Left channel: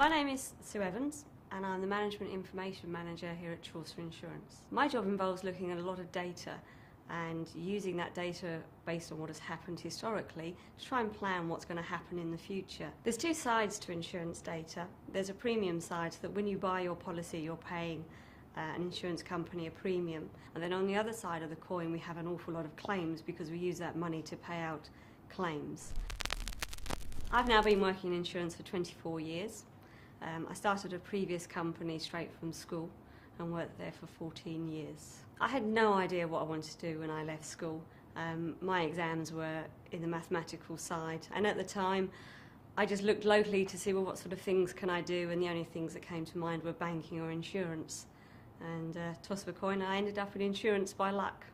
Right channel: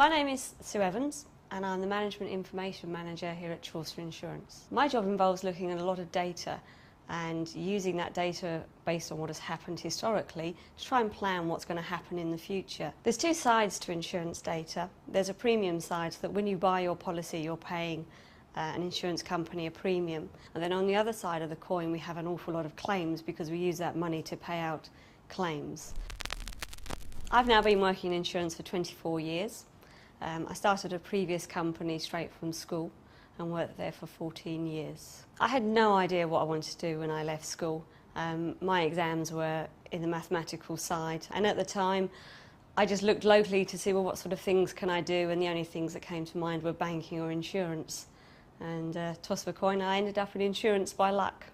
My name is Sue Evans and I'm the Management Information Manager here at Chaucer Insurance. My job involves looking at a lot of data and using that data based on what has happened historically to try and plan what's going to happen in the future. There's two sides to insurance data. There's a premium side, so that when you buy your policy you're paying an insurance company a premium. And then on the other side of the coin we have an awful lot of claims because we use that money to pay out claims. I've now been working in insurance for 24 years. I started a previous company straight from school and worked there for 14 years. I had no idea what I wanted to do when I left school. My exams were in the mathematical side, and at the time I just looked locally to see, well, what sort of things can I do, and the only things that came to mind were banking or insurance. And toss of a coin, I ended up in insurance by luck.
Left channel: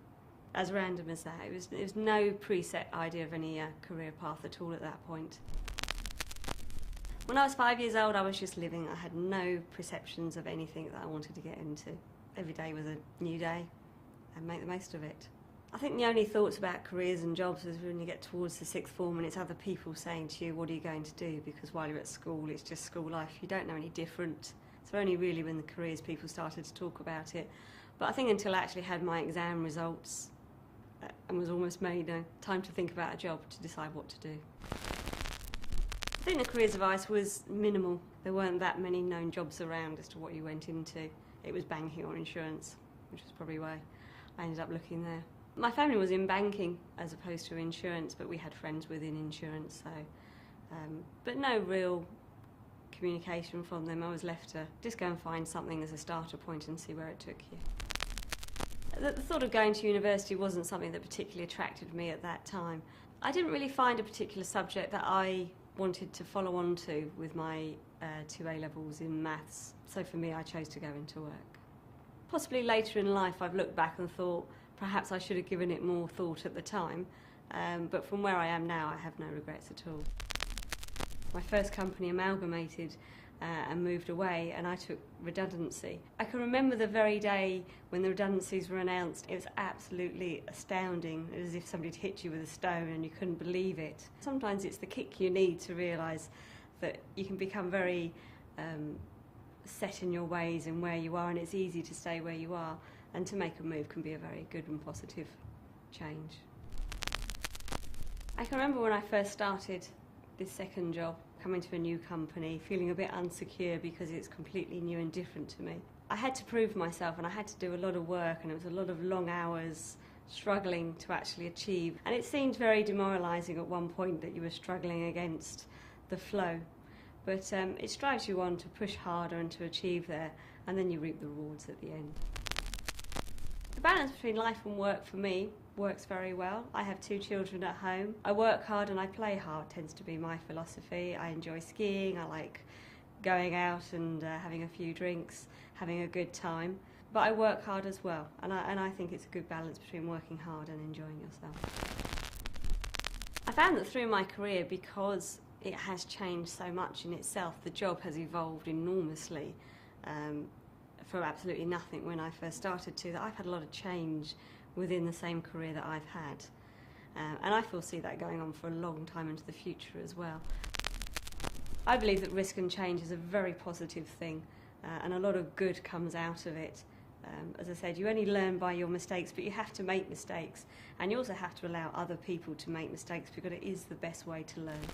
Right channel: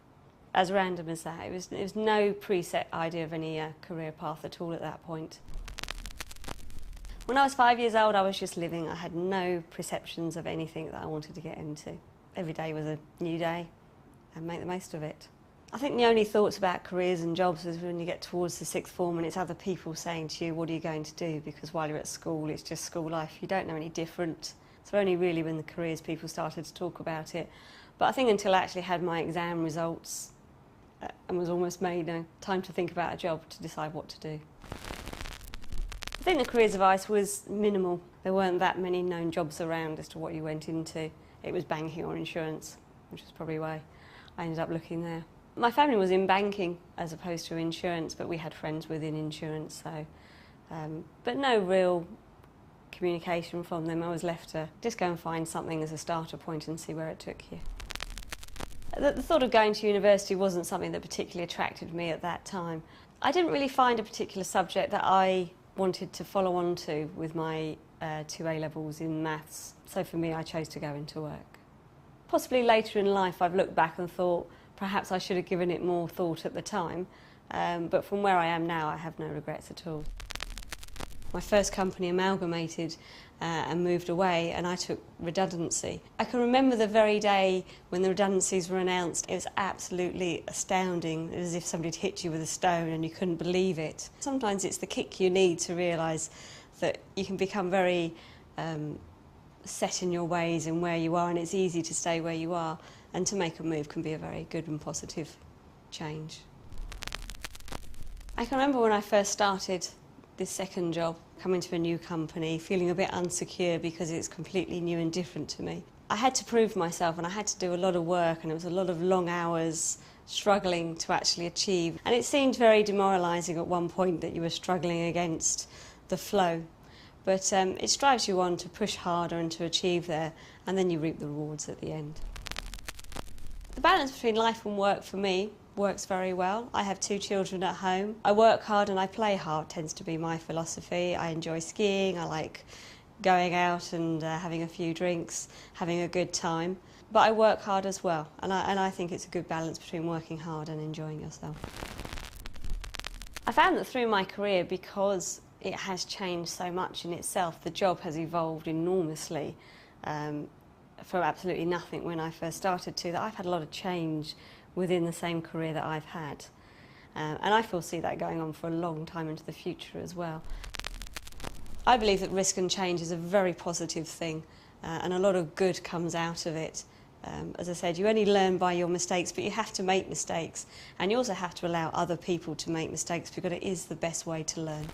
As random as that. It was no preset idea of any career path at all at that point. When I was 5 years old, I was just living. I had no perceptions of anything that I wanted to get into. Every day was a new day and make the most of it. I think the only thoughts about careers and jobs is when you get towards the sixth form and it's other people saying to you, what are you going to do? Because while you're at school, it's just school life. You don't know any different. So only really when the careers people started to talk about it. But I think until I actually had my exam results and was almost made time to think about a job to decide what to do. I think the careers advice was minimal. There weren't that many known jobs around as to what you went into. It was banking or insurance, which was probably why I ended up looking there. My family was in banking as opposed to insurance, but we had friends within insurance, so but no real communication from them. I was left to just go and find something as a starter point and see where it took you. The thought of going to university wasn't something that particularly attracted me at that time. I didn't really find a particular subject that I wanted to follow on to with my 2 A-levels in maths, so for me I chose to go into work. Possibly later in life I've looked back and thought perhaps I should have given it more thought at the time, but from where I am now I have no regrets at all. My first company amalgamated and moved away, and I took redundancy. I can remember the very day when the redundancies were announced. It was absolutely astounding, as if somebody had hit you with a stone and you couldn't believe it. Sometimes it's the kick you need to realise that you can become very set in your ways and where you are, and it's easy to stay where you are, and to make a move can be a very good and positive change. I can remember when I first started this second job, coming to a new company, feeling a bit insecure because it's completely new and different to me. I had to prove myself and I had to do a lot of work, and it was a lot of long hours struggling to actually achieve. And it seemed very demoralising at one point that you were struggling against the flow. But it drives you on to push harder and to achieve there, and then you reap the rewards at the end. The balance between life and work for me works very well. I have 2 children at home. I work hard and I play hard tends to be my philosophy. I enjoy skiing, I like going out and having a few drinks, having a good time. But I work hard as well, and I think it's a good balance between working hard and enjoying yourself. I found that through my career, because it has changed so much in itself, the job has evolved enormously from absolutely nothing when I first started to that I've had a lot of change within the same career that I've had. And I foresee that going on for a long time into the future as well. I believe that risk and change is a very positive thing, and a lot of good comes out of it. As I said, you only learn by your mistakes, but you have to make mistakes, and you also have to allow other people to make mistakes because it is the best way to learn.